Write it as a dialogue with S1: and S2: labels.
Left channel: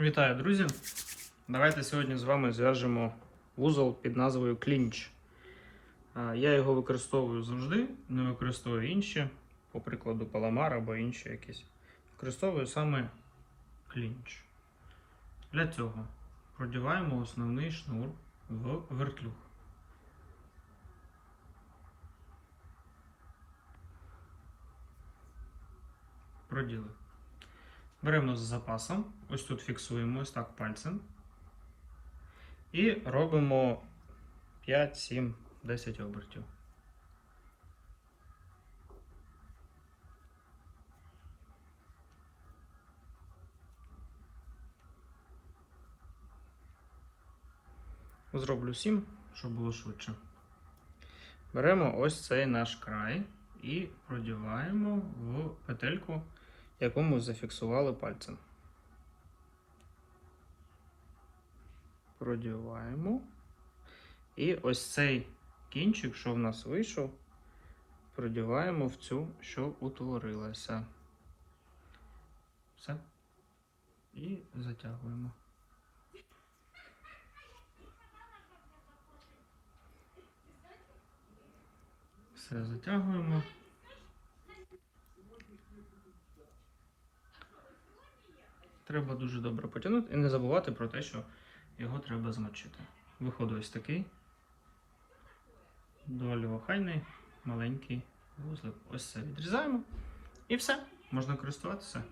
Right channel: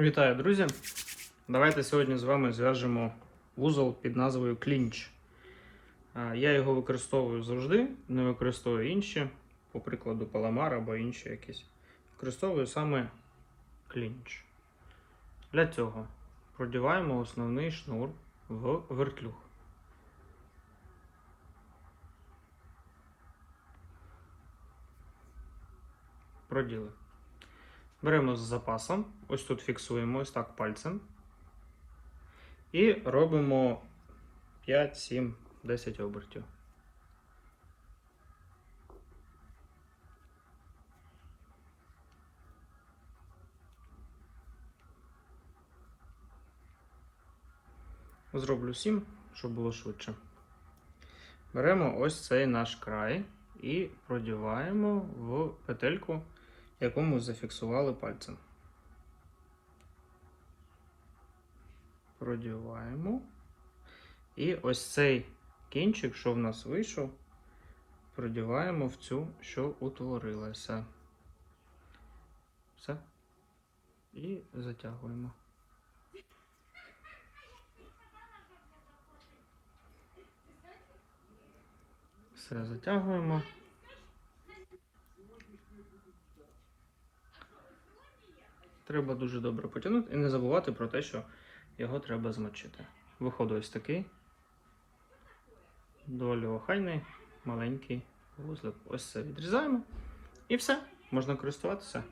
S1: Вітаю, друзі! Давайте сьогодні з вами зв'яжемо вузол під назвою клінч. Я його використовую завжди, не використовую інші, по прикладу паламар або інші якісь. Використовую саме клінч. Для цього продіваємо основний шнур в вертлюг. Проділи. Беремо з запасом, ось тут фіксуємо ось так пальцем. І робимо 5, 7, 10 обертів. Зроблю 7, щоб було швидше. Беремо ось цей наш край і продіваємо в петельку яку ми зафіксували пальцем. Продіваємо. І ось цей кінчик, що в нас вийшов, продіваємо в цю, що утворилася. Все. І затягуємо. Все затягуємо. Треба дуже добре потягнути і не забувати про те, що його треба змочити. Виходить ось такий доволі охайний, маленький вузлик. Ось це відрізаємо. І все, можна користуватися.